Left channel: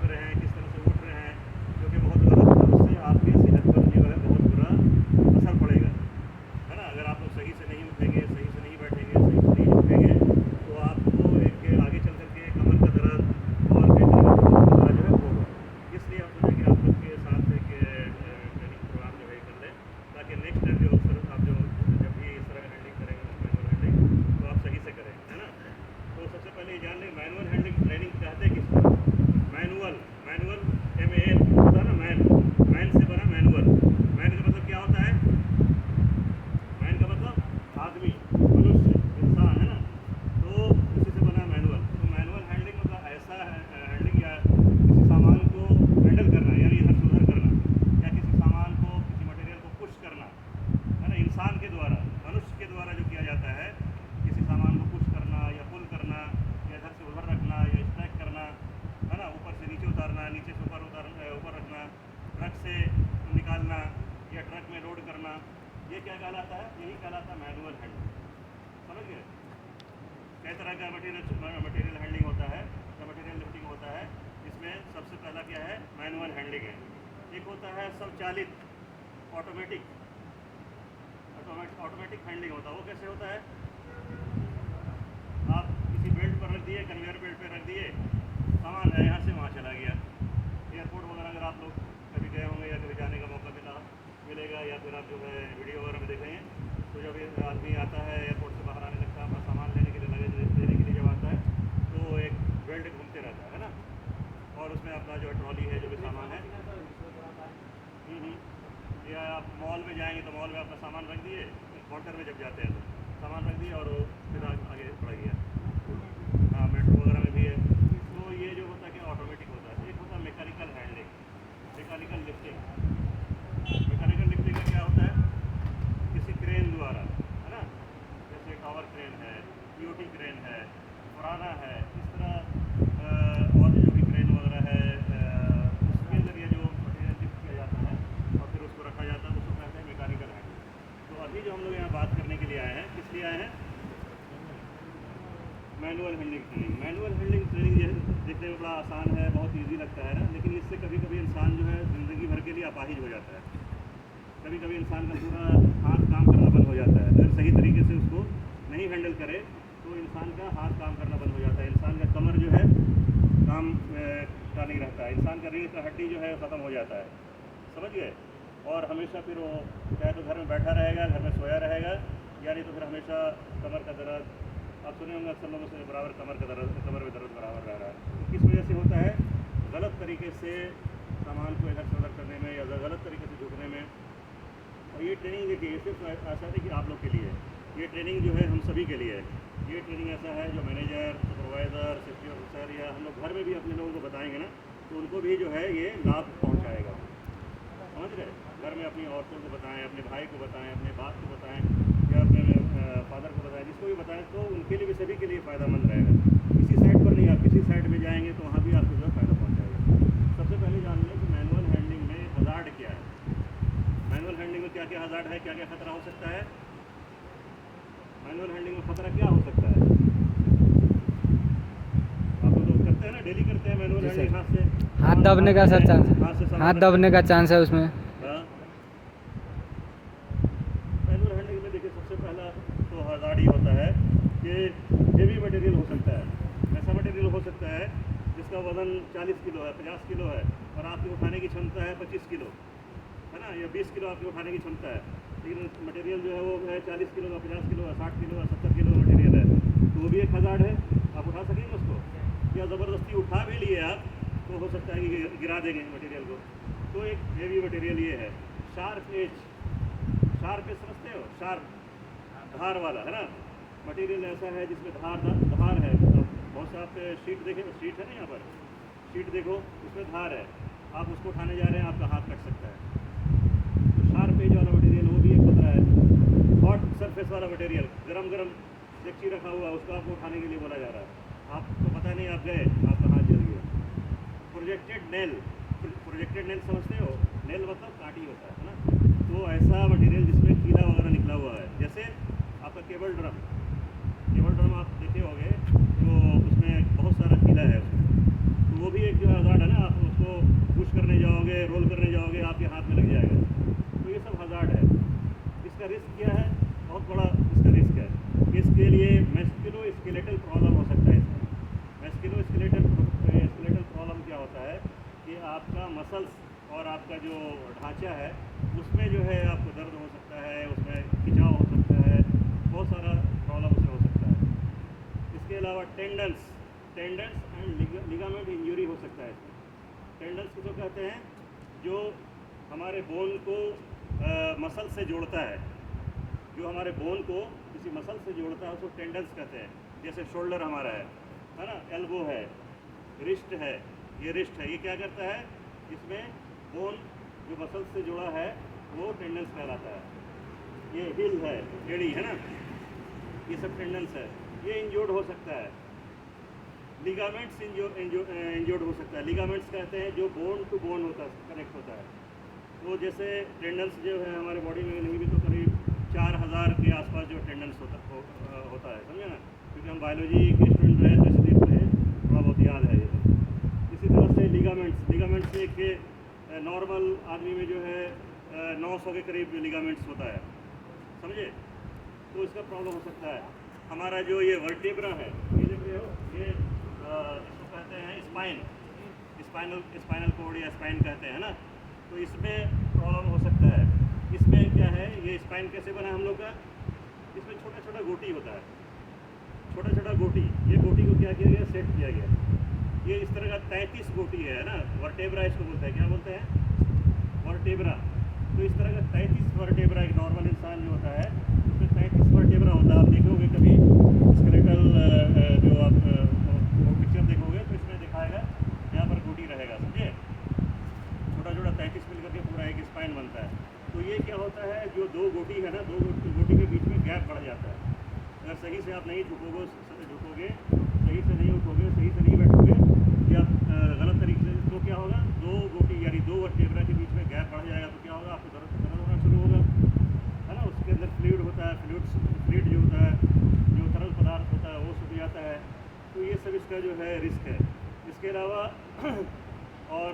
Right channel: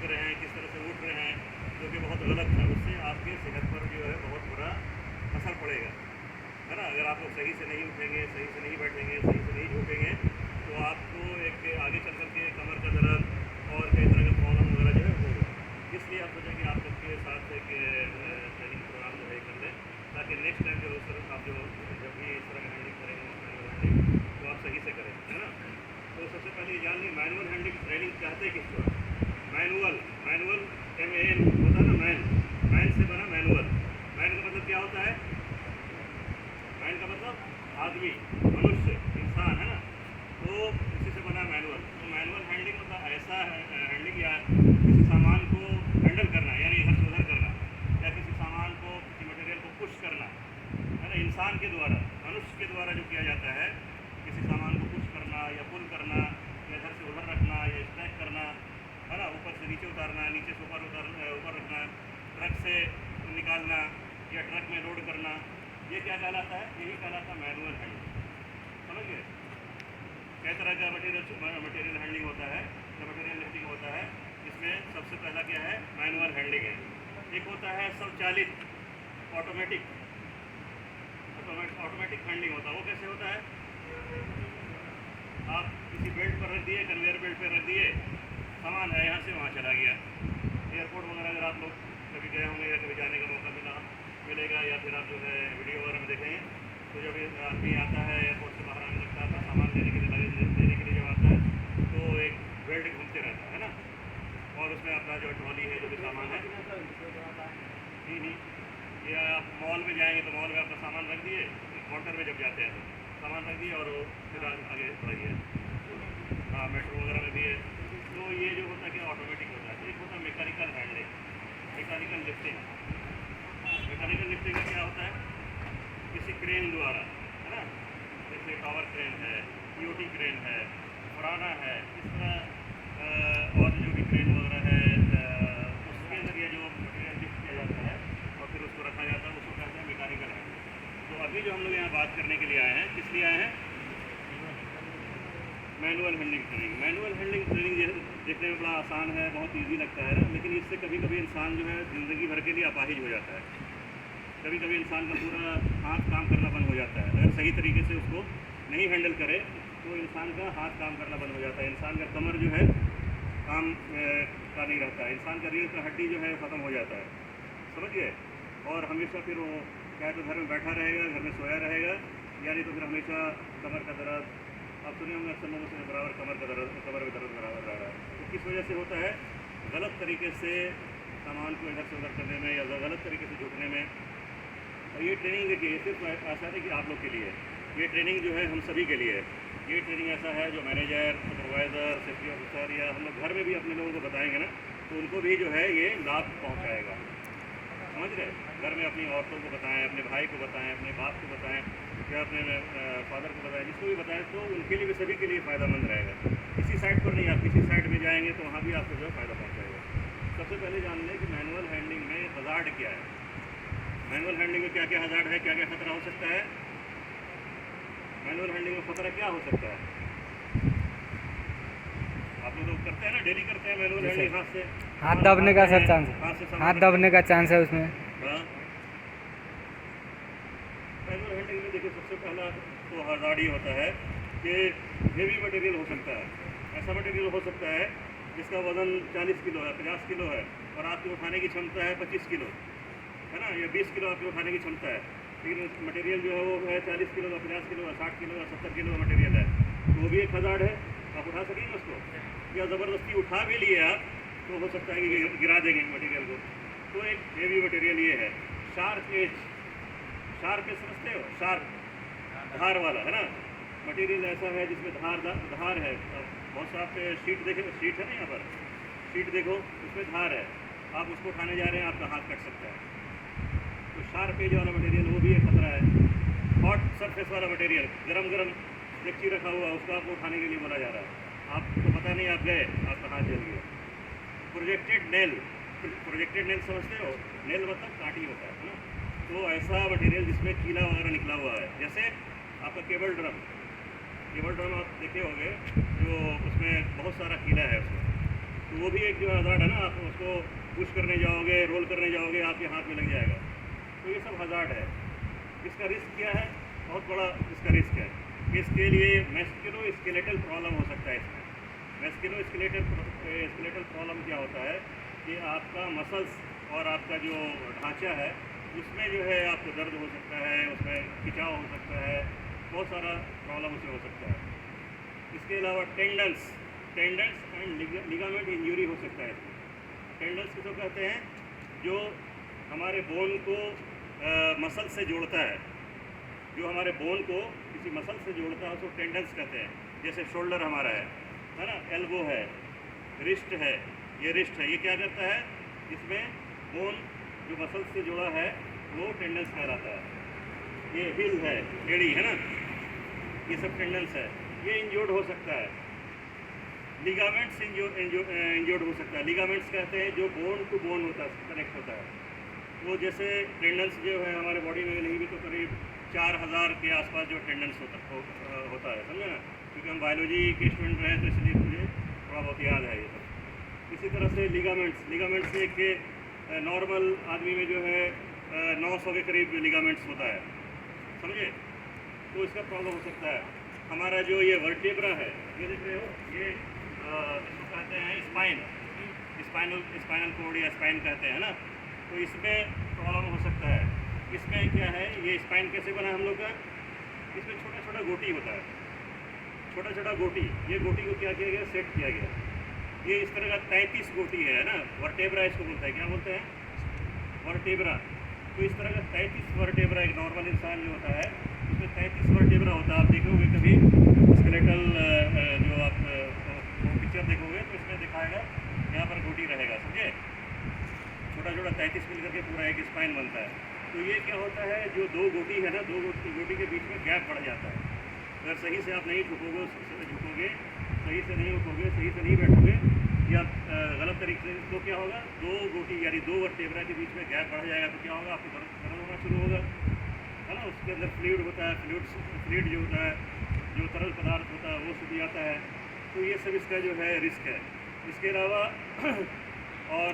सूख रहे हैं, किस तरह से उठ रहे हैं, जो कि बहुत गलत है। उससे आपकी सेहत पर जो है बहुत बुरा असर पड़ेगा, है ना। अगर आप लोग सही से नहीं उठेंगे, सही से नहीं बैठेंगे, सही से नहीं झुकेंगे, तो आपको एक आगे चल कर के कमर का दर्द और कई तरह का प्रॉब्लम वगैरह जो है होगा। इसलिए हम सोचे कि आप लोग के साथ एक ट्रेनिंग प्रोग्राम जो है कर लें, ताकि नेक्स्ट टाइम जो आप जो जब भी इस तरह का हैंडलिंग करेंगे, मैनुअल हैंडलिंग, तो आप सही से करें, है ना। तो सबसे पहले ये जान लें मैनुअल हैंडलिंग ट्रेनिंग कहते हैं कि मैनुअल मैनुअल MAN होता है ना, मैन से बना मैनुअल। मैन का मतलब क्या होता है? मैन का मतलब आदमी, मनुष्य, इंसान, है ना। तो इसी से बना मैनुअल। तो मैनुअल हैंडलिंग मतलब ऐसा हैंडलिंग या किसी सामान को हैंडल करना, यानी इधर से उधर करना, या किसी सामान को, किसी मटेरियल को पुश करना, है ना। इंसान के द्वारा, मनुष्य के द्वारा जो किया जाता है, किसी सामान को पुश करना या पुल करना, या इधर से उधर रखना, या स्ट्रैक करना, है ना। ऊपर से नीचे उतारना, नीचे से ऊपर रखना, ट्रक से निकालना या ट्रक में लोड करना, ये क्या कहलाता है? यही कहलाता है मैनुअल हैंडलिंग। समझ गए? कई तरह का मटेरियल हैंडलिंग होता है या मटेरियल लिफ्टिंग होता है। इसमें सबसे पहला क्या है? मैनुअल हैंडलिंग है। एक होता है स्वचालित, ऑटोमेटिक हैंडलिंग होता है। वो कैसे होता है? आप किसी बेल्ट पर रख दिए, कन्वेयर बेल्ट पर रख दिए, सामान है, यहाँ से वहाँ चला गया। एयरपोर्ट वगैरह अगर आप लोग कभी गए होंगे या कभी जाने का मौका मिलेगा, या फिर आप जो है वीडियो वगैरह में देखेंगे, तो जब आदमी आता है एयरपोर्ट से बाहर आने लगता है, अपना सामान लेने के लिए, लगेज लेने के लिए जब आता है, तो एक बेल्ट घूमते रहता है ना, और उसमें अपना जो ट्रॉली है, जो भी सामान है, नहीं, या आप मॉल में जाएंगे तो मॉल में अपना सामान रख दिए, काउंटर में जब जाते हैं तो सामान रख दिए और फिर आगे बढ़ गया। हाँ, मेट्रो वगैरह में भी है। तो ये जो होता है कि ऑटोमेटिक होता है। एक होता है mechanical handling, mechanical lifting. Mechanical lifting का क्या होता है? किसी क्रेन द्वारा, है ना, जैसे टावर क्रेन है, EOT क्रेन है, पुराना है, इस तरह और जो भी क्रेन वगैरह है, उसके ज़रिए जो मटेरियल लिफ्ट किया जाता है और फिर उसको रखा जाता है, उसको कहते हैं मैकेनिकल हैंडलिंग। तो अभी जो हम लोग यहाँ बात करने के लिए आए हैं, किस लिए आए हैं? Manual handling training. Manual handling training देखने में बड़ा आसान है, बहुत इजी लगता है ना, लेकिन इससे कभी कभी इंसान जो है ज़िंदगी भर के लिए अपाहिज हो जाता है। कभी कभी इंसान का पूरा हाथ काम करना बंद हो जाता है। अगर सही तरीके से उसको नहीं हैंडल करे तो इंसान का हाथ काम करना बंद हो जाता है, इंसान का कमर जो है काम का नहीं रहता है, इंसान का रीढ़ का हड्डी जो है ख़त्म हो जाता है, समझ गए। और हमेशा फिर वो क्या तो घर में बैठा रहेगा, घर में सोया रहेगा, यानी तो फिर हमेशा कमर का दर्द, आप सुने होंगे अक्सर लोगों से बराबर कमर में दर्द बराबर रह रहा है। तो किस वजह से होता है? गलत तरीके से सामान को इधर से उधर करने में या गलत तरीके से झुकने में। और ये ट्रेनिंग देखिए, सिर्फ ऐसा नहीं कि आप लोग के लिए, ये ट्रेनिंग जो है हम सभी के लिए है। ये ट्रेनिंग ऐसा है जो मैनेजर, सुपरवाइज़र, सेफ्टी ऑफिसर या हम लोग घर में भी अपने लोगों को बताएंगे ना, तो उनको भी जो है ये लाभ पहुँचाएगा। समझ रहे? घर में अपनी औरतों को बताएं, अपने भाई को बताएं, अपने बाप को बताएं, या अपने फादर को बताएं, जिसको भी बताएं, तो उनके लिए भी, सभी के लिए फ़ायदेमंद रहेगा। किसी साइड पर नहीं, आप किसी साइड में जाएंगे तो वहाँ भी आपको जो है फ़ायदा पहुँचाएगा। सबसे पहले जान लें कि मैनुअल हैंडलिंग में हज़ार्ड क्या है। मैनुअल हैंडलिंग में क्या क्या हज़ार्ड है, क्या क्या खतरा हो सकता है? मैनुअल हैंडलिंग में खतरा क्या हो सकता है? आप लोग करते हैं ना, डेली करते हैं मैनुअल हैंडलिंग, हाथ से हाथ दबने का सर चांस, हाथ दबने का चांस है उसमें। मैनुअल हैंडलिंग में देखिए, सबसे पहला तो हज़ार्ड ही होता है कि हेवी मटेरियल हो सकता है। ऐसा मटेरियल हो सकता है जिसका वज़न 40 किलो है, 50 किलो है, और आपकी उठाने की क्षमता है 25 किलो, है ना, या 20 किलो आपकी उठाने की क्षमता है, लेकिन मटेरियल जो है वो है 40 किलो का, 50 किलो का, 60 किलो का, 70 किलो का मटेरियल है, तो वो भी एक हज़ार्ड है। आप उठा सकेंगे उसको, या ज़बरदस्ती उठा भी लिए आप तो हो सकता है कि गिरा देंगे मटेरियल को। तो एक हेवी मटेरियल ये है। शार्प एज, शार्प एज समझते हो? शार्प, धार वाला, है ना, मटेरियल ऐसा है जिसमें धार है। बहुत सा आप शीट देखें, शीट है ना, यहाँ पर शीट देखो, उसमें धार है, आप उसको उठाने जा रहे हैं, आपका हाथ कट सकता है। तो शार्प एज वाला मटेरियल, वो भी एक खतरा है। हॉट सरफेस वाला मटेरियल, गरम डेक्ची रखा हुआ, उसको आपको उठाने के लिए बोला जा रहा है, आपको पता नहीं, आप गए, आपका हाथ जल गया। प्रोजेक्टेड नेल समझते हो? नेल मतलब कांटी होता है ना। तो ऐसा मटेरियल जिसमें कीला वगैरह निकला हुआ है, जैसे आपका केबल ड्रम आप देखे होंगे, जो उसमें बहुत सारा कीला है उसमें, तो वो भी एक जो हज़ार्ड है ना, आप उसको पुश करने जाओगे, रोल करने जाओगे, आपके हाथ में लग जाएगा। तो ये सब हज़ार्ड है। इसका रिस्क क्या है? बहुत बड़ा इसका रिस्क है। इसके लिए मस्कुलोस्केलेटल प्रॉब्लम हो सकता है। इसमें मस्कुलोस्केलेटल प्रॉब्लम क्या होता है कि आपका मसल्स और आपका जो ढांचा है उसमें जो है आपको दर्द हो सकता है, उसमें खिंचाव हो सकता है, बहुत सारा प्रॉब्लम उसमें हो सकता है। इसके अलावा टेंडन्स एंड लिगामेंट इंजरी हो सकता है इसमें। टेंडन्स किसको कहते हैं? जो हमारे बोन को मसल से जोड़ता है, जो हमारे बोन को किसी मसल से जोड़ता है उसको टेंडन्स कहते हैं। जैसे शोल्डर हमारा है ना, एल्बो है, रिस्ट है, ये रिस्ट है, ये क्या करता है? इसमें बोन जो मसल से जुड़ा है वो टेंडन्स कहलाता है। ये हिल है, एड़ी है ना, ये सब टेंडन्स है, ये इंजोर्ड हो सकता है। लिगामेंट्स इंजोर्ड हो सकता है। लिगामेंट्स कहते हैं जो बोन टू बोन होता है, कनेक्ट होता है। तो जैसे टेंडन्स जो है हमारे बॉडी में नहीं भी तो करीब 4000 के आसपास जो टेंडन्स होता है, समझे ना, क्योंकि हम बायोलॉजी के स्टूडेंट रहे तो इसलिए मुझे थोड़ा बहुत याद है ये सब। इसी तरह से लिगामेंट्स एक नॉर्मल आदमी में जो है 900 के करीब लिगामेंट्स होता है, समझे। तो इसका प्रॉब्लम हो सकता है। हमारा जो ये वर्टेब्रा है, ये देख रहे हो, ये इसको कहते हैं स्पाइनल कोड या स्पाइन कहते हैं ना, तो इसमें प्रॉब्लम हो सकता है। इसमें क्या है, ये स्पाइन कैसे बना है हम लोग का? इसमें छोटा छोटा गोटी होता है, छोटा छोटा गोटी। ये गोटी को क्या किया गया? सेट किया गया। ये इस तरह का 33 गोटी है ना, वर्टेब्रा इसको बोलते हैं। क्या बोलते हैं? वर्टेब्रा। तो इस तरह का 33 वर्टेब्रा, एक नॉर्मल इंसान जो होता है उसमें 33 वर्टेब्रा होता है। आप देखोगे कभी स्केलेटल जो आप पिक्चर देखोगे तो इसमें दिखाएगा, यहाँ पर गोटी रहेगा, समझे। छोटा छोटा 33 मिल करके पूरा एक स्पाइन बनता है। तो ये क्या होता है, जो दो गोटी है ना, दो गोटी के बीच में गैप बढ़ जाता है। अगर सही से आप नहीं झुकोगे, सही से नहीं उठोगे, सही से नहीं बैठोगे या गलत तरीके से, तो क्या होगा? दो गोटी यानी दो वर्टेब्रा के बीच में गैप बढ़ जाएगा। तो क्या होगा? आपको दर्द होना शुरू होगा, है ना। उसके अंदर फ्लूइड होता है, फ्लूइड जो होता है, जो तरल पदार्थ होता है वो सूख जाता है। तो ये सब इसका जो है रिस्क है। इसके अलावा और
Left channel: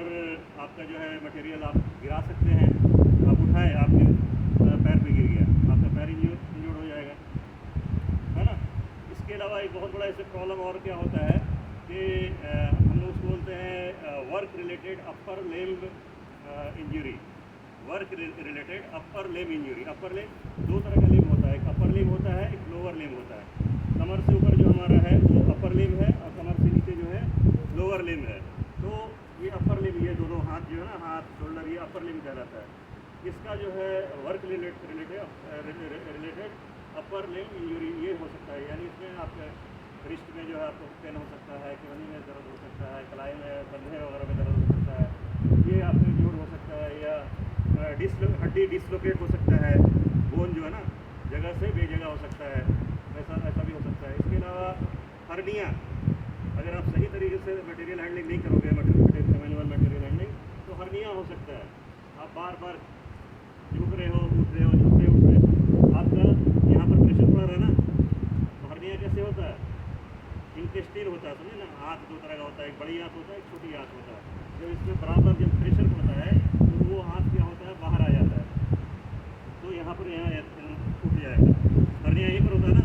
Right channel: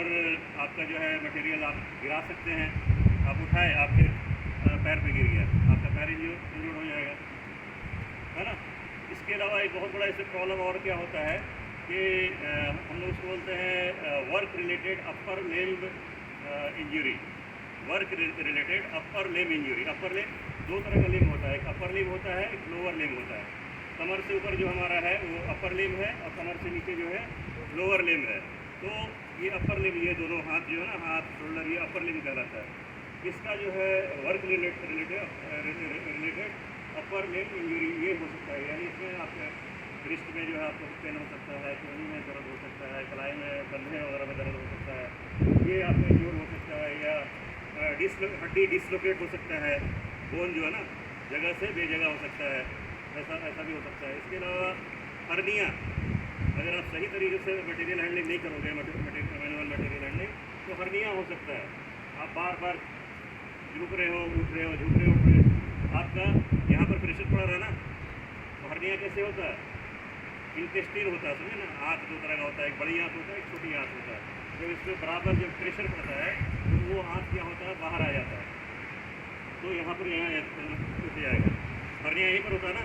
आपका जो है मटेरियल आप गिरा सकते हैं। आप उठाए, आपके पैर पे गिर गया, आपका पैर इंजोर्ड हो जाएगा, है ना। इसके अलावा एक बहुत बड़ा इससे प्रॉब्लम और क्या होता है कि हम लोग उसको बोलते हैं work related upper limb injury. Work related upper limb injury. Upper limb दो तरह का लिम्ब होता है, एक अपर लिम्ब होता है, एक लोअर लिम्ब होता है। कमर से ऊपर जो हमारा है वो अपर लिम्ब है और कमर से नीचे जो है लोअर लिम्ब है। तो ये अपर लिम्ब, ये दोनों हाथ जो है ना, हाथ शोल्डर, ये अपर लिम्ब कहलाता है। इसका जो है work related upper limb injury ये हो सकता है। यानी इसमें आपके रिस्ट में जो है आपको पेन हो सकता है, कोहनी में दर्द हो सकता है, कलाई में, कंधे वगैरह में दर्द हो सकता है, ये आपको इंजोर हो सकता है। या हड्डी डिसलोकेट हो सकता है, बोन जो है ना जगह से बेजगह हो सकता है, ऐसा भी हो सकता है। इसके अलावा हर्निया, अगर आप सही तरीके से मटेरियल हैंडलिंग नहीं करोगे, मैनुअल मटेरियल हैंडलिंग, तो हर्निया हो सकता है। आप बार बार झुक रहे हो, उठ रहे हो, झुक रहे हो, उठ रहे हो, आपका यहाँ पर प्रेशर पड़ रहा है ना, तो हर्निया कैसे होता है? इंटेस्टाइन होता है, समझे ना। हाथ दो तरह का होता है, एक बड़ी हाथ होता है, एक छोटी हाथ होता है। जब इसमें बराबर जब प्रेशर पड़ता है तो वो हाथ क्या होता है? बाहर आ जाता है। तो यहाँ पर उठ जाएगा, हर्निया यहीं पर होता है ना,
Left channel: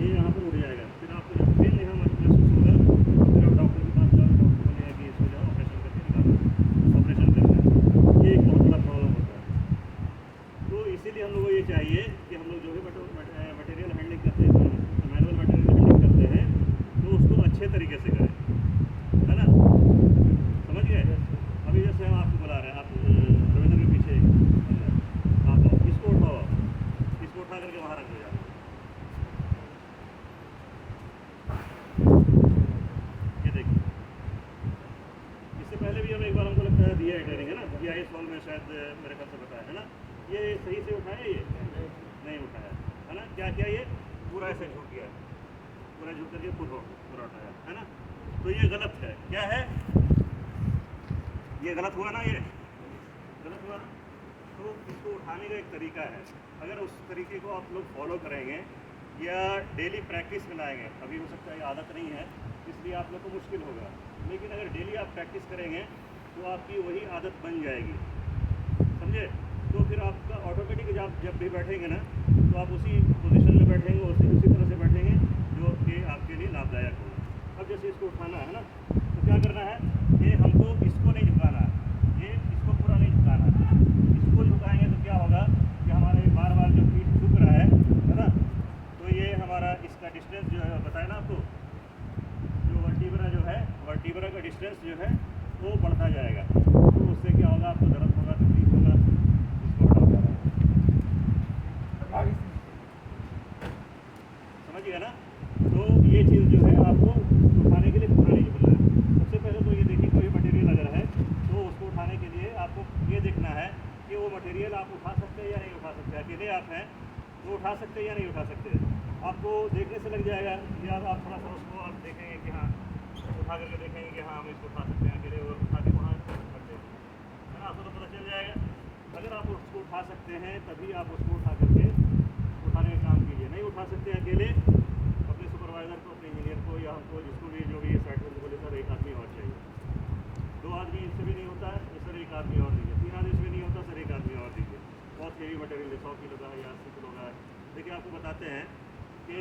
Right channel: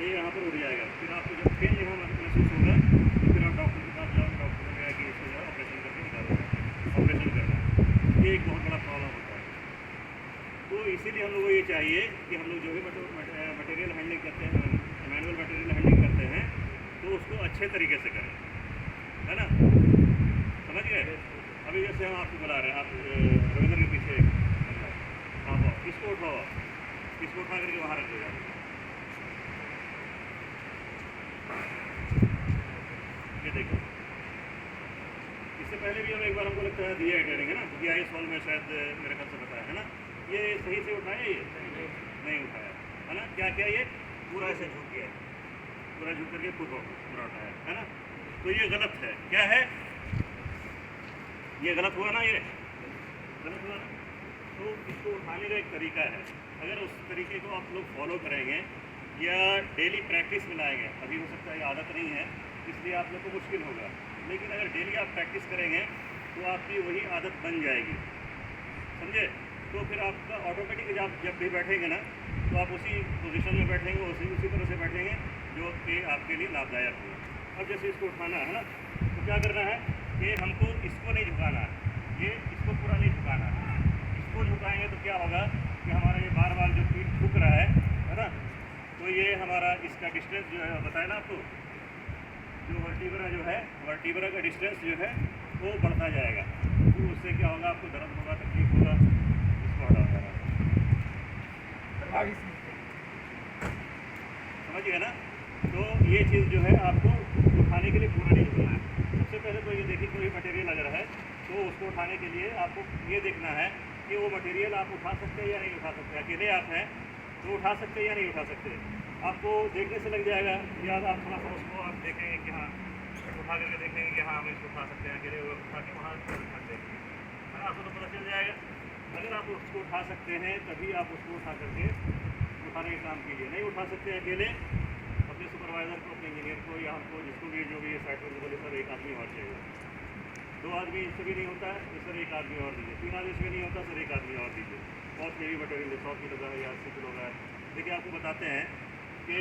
ये यहाँ पर उठ जाएगा। फिर आपको जब पेन यहाँ महसूस होगा तो फिर आप डॉक्टर के पास जाओ, डॉक्टर बोलेगा कि इसको जो है ऑपरेशन करके निकालना है, ऑपरेशन करना है। ये एक बहुत बड़ा प्रॉब्लम होता है। तो इसीलिए हम लोग को ये चाहिए कि हम लोग जो भी मटेरियल हैंडलिंग करते हैं, मैनुअल मटेरियल हैंडलिंग करते हैं, तो उसको अच्छे तरीके से करें, है ना, समझ गए। अभी जैसे हम आपको बुला रहे हैं, आप रविंद्र के पीछे एक बंदा है, आप आओ, इसको उठाओ, इसको उठा करके वहाँ रख दो जाओ। ये देखिए, इससे पहले भी हम एक बार, हमको लगता है दिया है ट्रेनिंग, है ना, GIS हॉल में शायद मेरे ख्याल से बताया है ना। ये सही से उठाया, ये नहीं उठाया, है ना। क्या किया? ये पूरा ऐसे झुक गया, पूरा झुक करके पूरा उठाया, है ना। तो ये गलत है। क्या है? ये गलत हुआ ना, ये गलत हुआ ना। तो इसको उठाने का एक तरीका है। अगर उस तरीके को आप लोग फॉलो करेंगे या डेली प्रैक्टिस में लाएंगे, अभी हो सकता है ये आदत नहीं है, इसलिए आप लोग को मुश्किल होगा। लेकिन अगर डेली आप प्रैक्टिस करेंगे तो आपकी वही आदत बन जाएगी, समझे। तो फिर आपका ऑटोमेटिक जब भी बैठेंगे ना तो आप उसी पोजीशन में बैठेंगे, उसी तरह से बैठेंगे जो कि आपके लिए लाभदायक होगा। अब जैसे इसको उठाना है ना, तो क्या करना है कि हमको इसको नहीं झुकाना है, ये इसको पूरा नहीं झुकाना है। इसको झुकाएंगे तो क्या होगा कि हमारा ये बार बार जो पीठ झुक रहा है ना, तो ये हमारा इसका डिस्टेंस जो है बताया ना आपको, जो वर्टिब्रा जो है, वर्टिब्रा का डिस्टेंस जो है वो बढ़ता जाएगा। तो उससे क्या होगा, आपको दर्द होगा, तकलीफ होगा। इसको हटाओ जा रहा है, समझिए ना। तो ये चीज़ जो है आपको उठाने के लिए पूरा नहीं झुकना है। सबसे पहले तो ये देखिए, कोई मटेरियल अगर है तो उसको उठाने के लिए आपको ये देखना है कि वो मटेरियल आप उठा सकते हैं या नहीं उठा सकते। अकेले आप हैं तो उठा सकते हैं या नहीं उठा सकते, आपको देखने से लग जाएगा। या आप थोड़ा सा उसको आप देखेंगे कि हाँ, उठा करके देखेंगे कि हाँ हम इसको उठा सकते हैं, अकेले उठा के वहाँ रख देंगे, है ना, आपको तो पता चल जाएगा। अगर आप उसको उठा सकते हैं तभी आप उसको उठा करके उठाने का काम कीजिए। नहीं उठा सकते हैं अकेले, अपने सुपरवाइज़र को, अपने इंजीनियर को या हमको जिसको भी जो भी ये साइट पर बोले सर एक आदमी और चाहिए, 2 आदमी इससे भी नहीं होता है सर एक आदमी और दीजिए, 3 आदमी इससे भी नहीं होता सर एक आदमी और दीजिए। बहुत हेवी मटेरियल है, 100 किलो का है या 80 किलो का है। देखिए आपको बताते हैं कि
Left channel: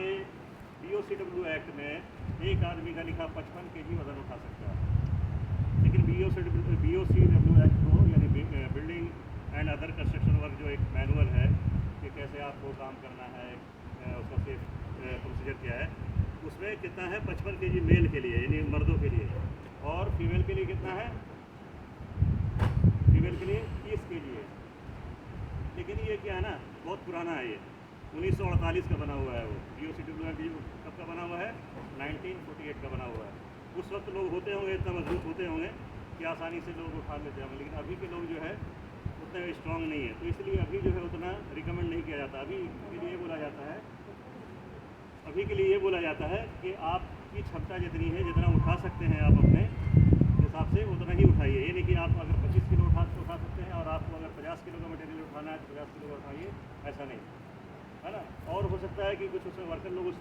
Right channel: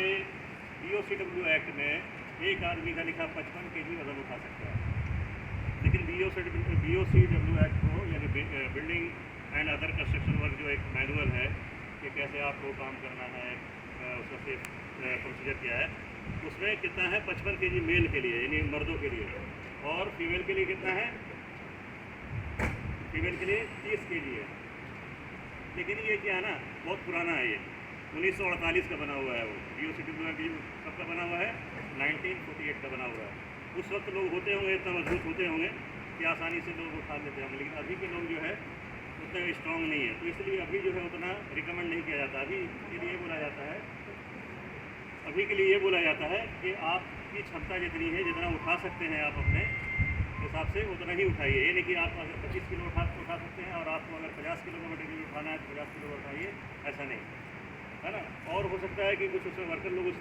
BOCW एक्ट में एक आदमी का लिखा 55 kg वजन उठा सकता है। लेकिन BOCW एक्ट को, यानी building and other construction work जो एक मैनुअल है कि कैसे आपको काम करना है, उसका सेफ प्रोसीजर क्या है, उसमें कितना है 55 kg मेल के लिए, यानी मर्दों के लिए, और फीमेल के लिए कितना है, फीमेल के लिए 30 kg है। लेकिन ये क्या है ना, बहुत पुराना है, ये 1948 का बना हुआ है। वो BOCW कब का बना हुआ है, 1948 का बना हुआ है। उस वक्त लोग होते होंगे, इतना मजबूत होते होंगे कि आसानी से लोग उठा लेते होंगे, लेकिन अभी के लोग जो है उतना स्ट्रॉन्ग नहीं है। तो इसलिए अभी जो है उतना रिकमेंड नहीं किया जाता। अभी के लिए बोला जाता है, अभी के लिए ये बोला जाता है कि आपकी क्षमता जितनी है, जितना उठा सकते हैं आप अपने हिसाब से उतना ही उठाइए। ये नहीं कि आप अगर 25 किलो उठा सकते हैं और आपको अगर 50 किलो का मटेरियल उठाना है तो 50 किलो का उठाइए, ऐसा नहीं, है ना। और हो सकता है कि कुछ उसमें वर्कर लोग उस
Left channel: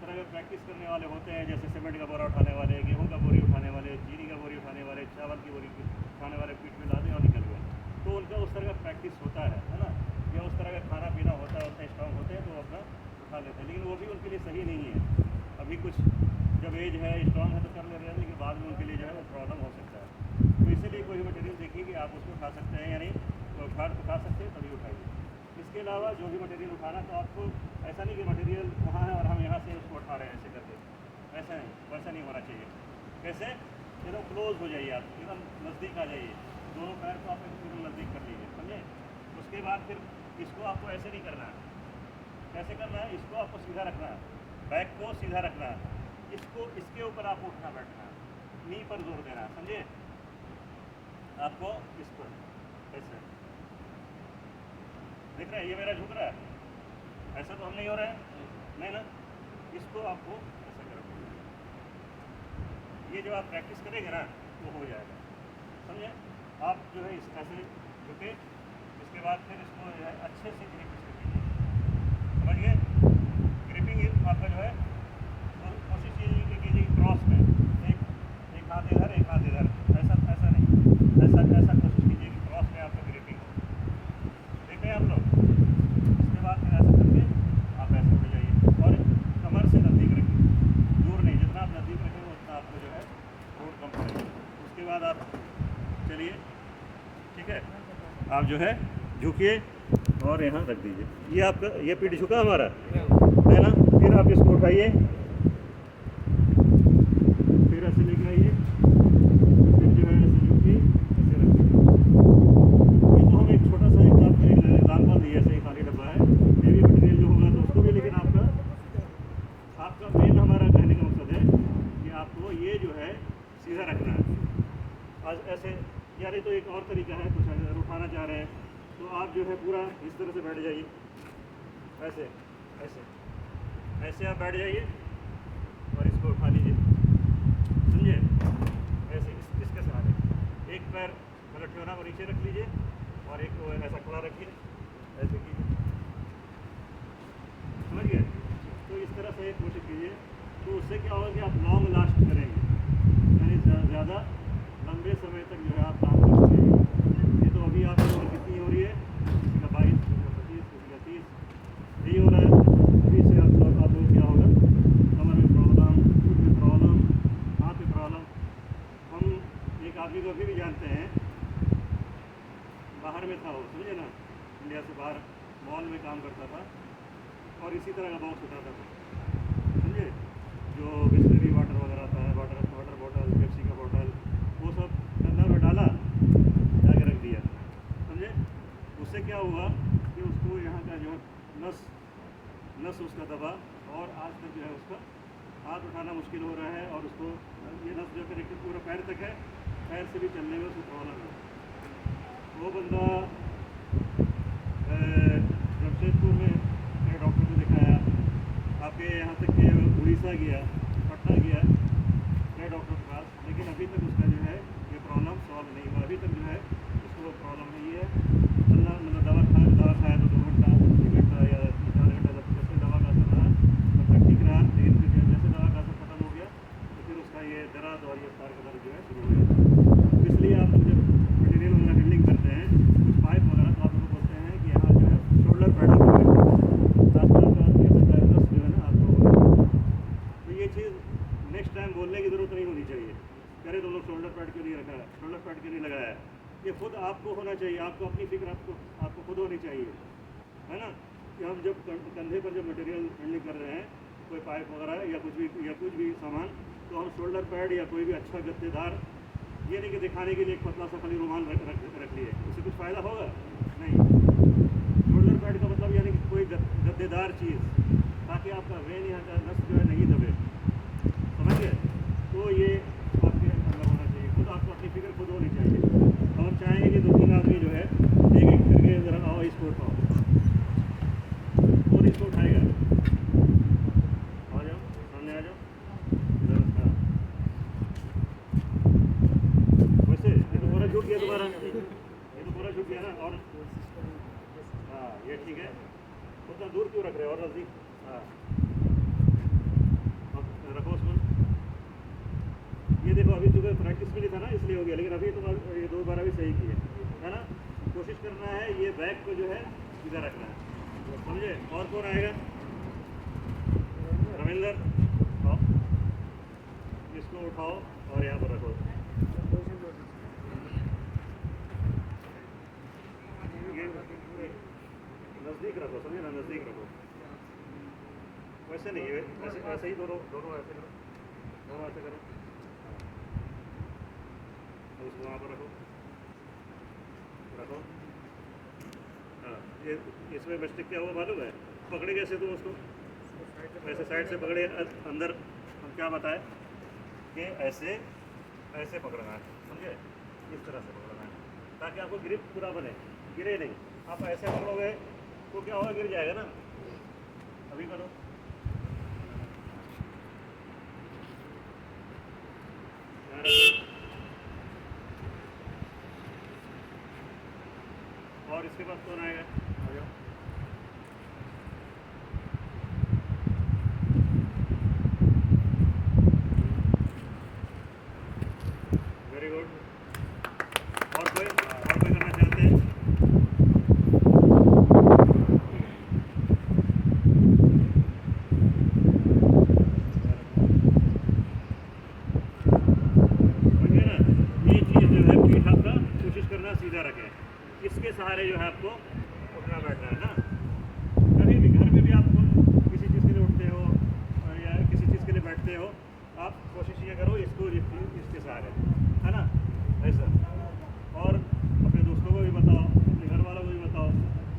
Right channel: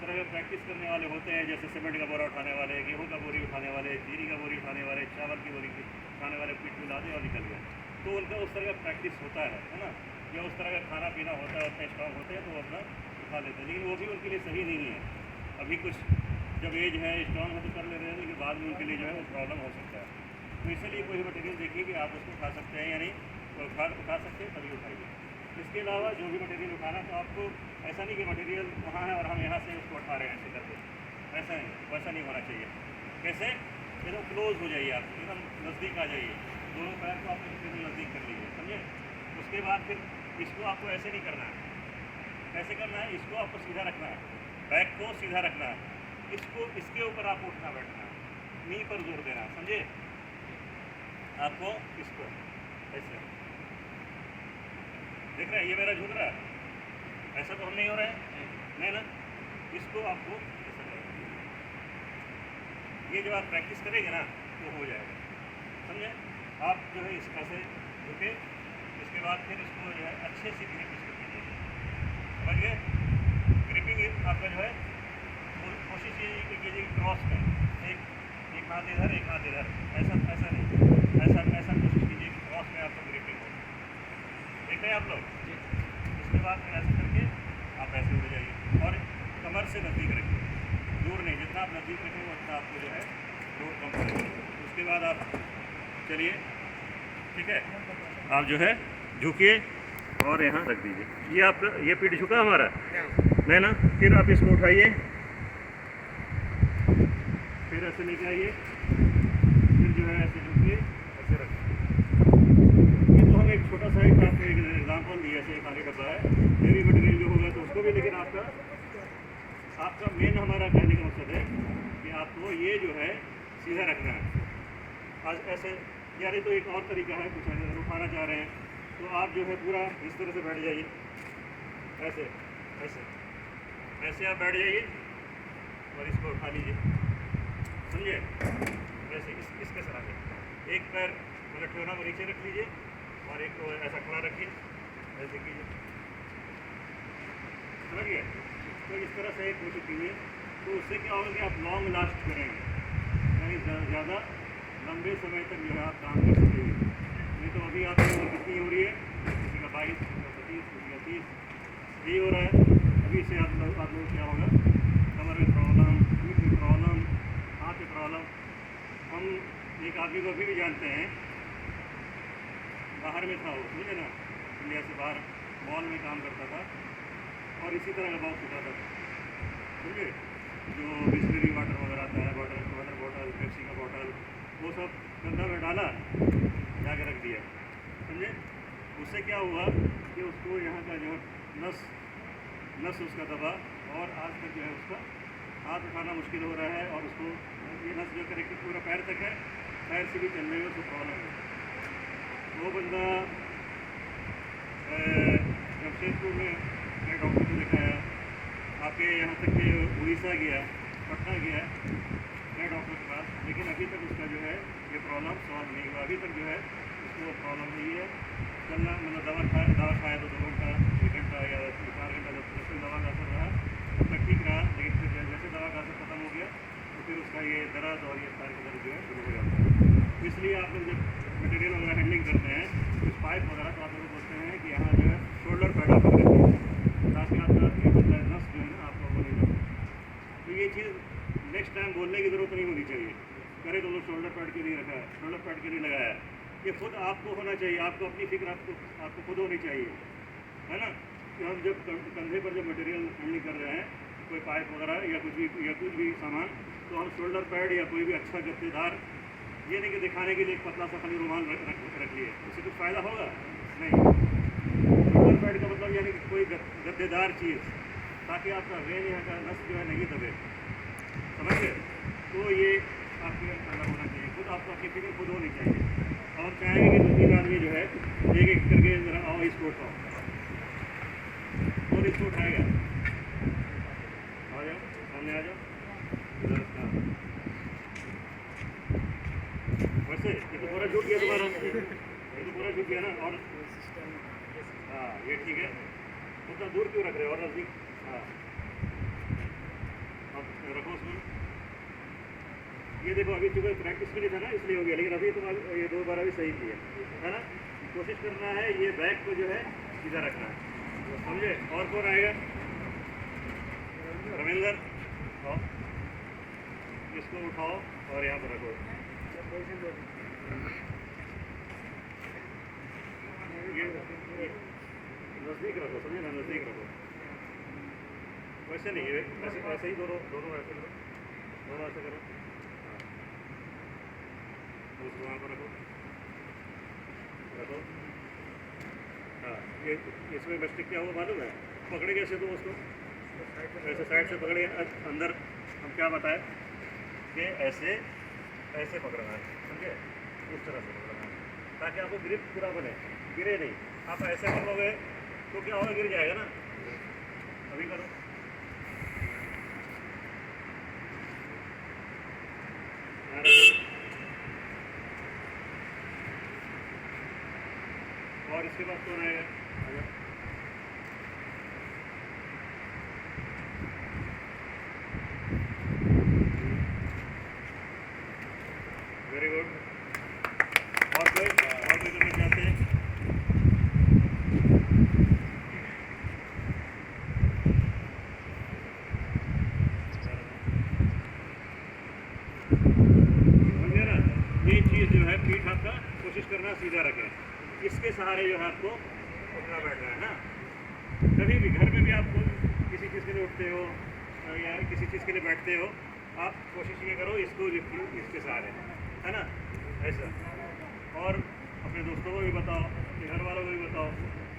तरह का प्रैक्टिस करने वाले होते हैं, जैसे सीमेंट का बोरा उठाने वाले, गेहूँ का बोरी उठाने वाले, चीनी का बोरी उठाने वाले, चावल की बोरी उठाने वाले, पीठ में लादे और निकल गया। तो उनका उस तरह का प्रैक्टिस होता है ना, या उस तरह का खाना पीना होता है, उतना स्ट्रॉन्ग होते हैं तो वो अपना उठा लेते हैं। लेकिन वो भी उनके लिए सही नहीं है। अभी कुछ जब एज है, स्ट्रॉन्ग है तो कर ले रहे हैं, लेकिन बाद में उनके लिए जो है वो प्रॉब्लम हो सकता है। तो इसीलिए कोई मटेरियल देखिए कि आप उसको उठा सकते हैं या नहीं, तो उठा सकते हैं तभी उठाइए। इसके अलावा जो भी मटेरियल उठाना, तो आपको ऐसा नहीं कि मटेरियल वहाँ है और हम यहाँ से उसको उठा रहे हैं ऐसे करके, ऐसा नहीं, वैसा नहीं होना चाहिए। कैसे, एकदम क्लोज हो जाइए, आप एकदम नज़दीक आ जाइए, दोनों पैर को आप एकदम नज़दीक कर लीजिए, समझे। उसके बाद फिर इसको आपको ऐसे नहीं करना है, कैसे करना है, इसको आपको सीधा रखना है, बैक को सीधा रखना है, इसको इसके ऊपर आपको उठना बैठना है, नी पर जोर देना है, समझे। आपको इस पर ऐसे देख रहे हैं, ये मेरा झुक रहा है, ऐसा तो हम नहीं हो रहा है, नहीं ना। इसको आपको ऐसा करना, ये जब आप प्रैक्टिस करेंगे ना तो हो जाएगा, समझे। आप जो है इस ऐसे झुके, इसके बाद फिर इसको जो है अच्छे से ग्रिप इसको कीजिए, समझ गए। ग्रिपिंग आपका जो है कोशिश ये कीजिए क्रॉस में, एक हाथ इधर एक हाथ इधर, ऐसा ऐसा नहीं, ऐसा कोशिश कीजिए कि क्रॉस में आपका ग्रिपिंग हो। देख रहे हैं आप लोग। इसके बाद फिर ऐसे करके आप ऐसे उड़ जाइए और कमर से नज़दीक रखिए, दूर नहीं, जितना आप नज़दीक रखेंगे उतना आपको जो है लोड कम पड़ेगा। उसके बाद आप चलिए, ठीक है, आप जो है झुकिए और यहाँ रख दीजिए। ये आपका, ये पीठ झुका हमारा है ना। फिर आप इसको उठाइए, फिर ऐसे लेके आइए, फिर जो है ऐसे झुकिए, ऐसे रखिए। ये तो हम एक छोटा सा एक आपको एक एग्जाम्पल दिया, ऐसे खाली डब्बा है, हेवी मटेरियल जो होगा तो उसको भी, लेकिन आपका मेन हमारा कहने का मकसद है कि आपको ये जो है सीधा रखना है। आज ऐसे, या नहीं तो एक और तरीका है, कुछ अगर उठाना चाह रहे हैं तो आप जो है पूरा इस तरह से बैठ जाइए, ऐसे ऐसे ऐसे आप बैठ जाइए और इसको उठा लीजिए, समझे। ऐसे इसके सहारे एक पैर मतलब ठेवना को नीचे रख लीजिए और एक को ऐसा खड़ा रखिए, ऐसे कीजिए, समझ गए। तो इस तरह से कोशिश कीजिए तो उससे क्या होगा कि आप लॉन्ग लास्ट करेंगे, यानी ज़्यादा लंबे समय तक जो है आप काम कर सकेंगे। नहीं तो अभी आपकी उम्र कितनी हो रही है, किसी का 22, किसी का 25, किसी का 30, यही हो रहा है। अभी से आप लोग क्या होगा, कमर में प्रॉब्लम, पीठ में प्रॉब्लम, हाथ में प्रॉब्लम। हम एक आदमी को अभी भी जानते हैं, बाहर में था वो, समझे ना, इंडिया से बाहर मॉल में काम करता था और इसी तरह का बॉक्स उठाता था, समझे, जो बिस्लरी वाटर वगैरह आता है, वाटर बॉटल, पेप्सी का बॉटल, वो सब कंधा में डाला, जाके रख दिया, समझे। उससे क्या हुआ कि उसको यहाँ का जो है नस उसका दबा और आज तक जो है उसका हाथ उठाना मुश्किल हो रहा है, और उसको ये नस जो करेक्ट पूरा पैर तक है, पैर से भी चलने में उसको प्रॉब्लम है। वो बंदा जमशेदपुर में गया, डॉक्टर को दिखाया, आपके यहाँ तक कि उड़ीसा गया, पटना गया डॉक्टर के पास, लेकिन अभी तक उसका जो है ये प्रॉब्लम सॉल्व नहीं हुआ। अभी तक जो है उसको प्रॉब्लम नहीं है। चलना मतलब दवा खाया तो 2 घंटा, 1 घंटा या 4 घंटा, जब तक दवा का असर रहा तब तक ठीक रहा, लेकिन फिर जैसे दवा का असर खत्म हो गया तो फिर उसका ये दर्द और ये पैर का दर्द जो है शुरू हो जाता है। तो इसलिए आप लोग जब मटेरियल वगैरह हैंडलिंग करते हैं, कुछ पाइप वगैरह, तो आप लोग बोलते हैं कि यहाँ जो है शोल्डर पैड आप रखते हैं, ताकि आपका ये बनता है नस जो है ना आपको होने। तो ये चीज़ नेक्स्ट टाइम बोलने की ज़रूरत नहीं होनी चाहिए, करे तो लोग शोल्डर पैड के लिए रखा है, शोल्डर पैड के लिए लगाया है। ये खुद आपको होना चाहिए, आपको अपनी फिक्र आपको खुद होनी चाहिए, है ना। कि हम जब कंधे पर जब मटेरियल हैंडलिंग कर रहे हैं, कोई पाइप वगैरह या कुछ भी सामान, तो हम शोल्डर पैड या कोई भी अच्छा गद्देदार, ये नहीं कि दिखाने के लिए एक पतला सा खाली रुमाल रख लिए, उससे कुछ फ़ायदा होगा नहीं। शोल्डर पैड का मतलब यानी कि कोई गद्देदार चीज़, ताकि आपका वेन यहाँ का नस जो है नहीं दबे, समझ गए। तो ये आपके अंदर होना चाहिए, खुद आपको अपनी फिक्र खुद होनी चाहिए। और हम चाहेंगे कि 2-3 आदमी जो है एक एक करके ज़रा आओ, इसको उठाओ, और इसको उठाएगा, आ जाओ सामने, आ जाओ इधर। हाँ, वैसे ये तो पूरा झूठ गया तुम्हारा, ये तो पूरा झूठ गया ना। और हाँ, ये ठीक है, उतना दूर क्यों रख रहे हो, और नज़दीक। हाँ, अब रखो उसमें। ये देखो, अभी चूँकि प्रैक्टिस भी नहीं था ना, इसलिए हो गया, लेकिन अभी तुम ये 2 बार अभी सही किया है ना। कोशिश करना है ये बैग को जो है सीधा रखना है, समझे। और कौन आएगा, रविंदर, आओ, इसको उठाओ और यहाँ पर रखो। ये नज़दीक रखो, समझे ना, नज़दीक रखो, वैसे नहीं है, ऐसे ही दोनों ऐसे करो, दोनों ऐसे करो। उसको वहाँ पर रखो। हाँ, ये इसमें मिस्टेक क्या हुआ मालूम है, पकड़े कैसे तुम उसको, ऐसे साइड से पकड़े, अंदर हम क्या बताएं कि ऐसे पकड़ना है, समझे, इस तरह से पकड़ना है, ताकि आपको ग्रिप पूरा बने, गिरे नहीं। आप ऐसे पकड़ोगे तो क्या होगा, गिर जाएगा ना। अभी करो, और इसके बाद कौन आएगा, आ जाओ। Very good. और कोई करना चाहते हैं। समझिए ना, ये चीज़ जो है पीठ आपका कोशिश करना सीधा रखें, इसके सहारे जो है आपको उठना बैठना है ना। कभी भी घर में भी आप किसी चीज़ के लिए उठते हो या किसी चीज़ के लिए बैठते हो, आप कोशिश ये करो इसको इसके सहारे, है ना, ऐसा। और अपने दोस्तों को भी बताओ, अपने घर वालों को भी बताओ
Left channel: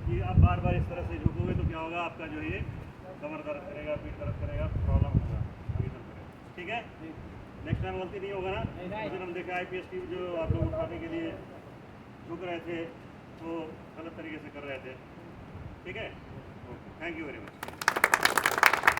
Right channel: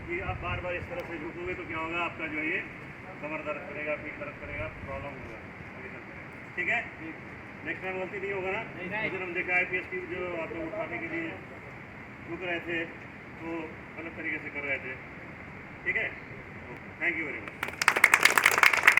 कि आप बार बार इस तरह से झुकोगे तो क्या होगा, आपका जो है ये कमर दर्द करेगा, पीठ दर्द करेगा, प्रॉब्लम होगा आगे चल करेगा, ठीक है। नेक्स्ट टाइम गलती नहीं होगा ना। उस दिन हम देखा IPS टीम जो आप लोग उठाने के लिए झुक रहे थे तो गलत तरीके से कर रहे थे, ठीक है। Thank you very much.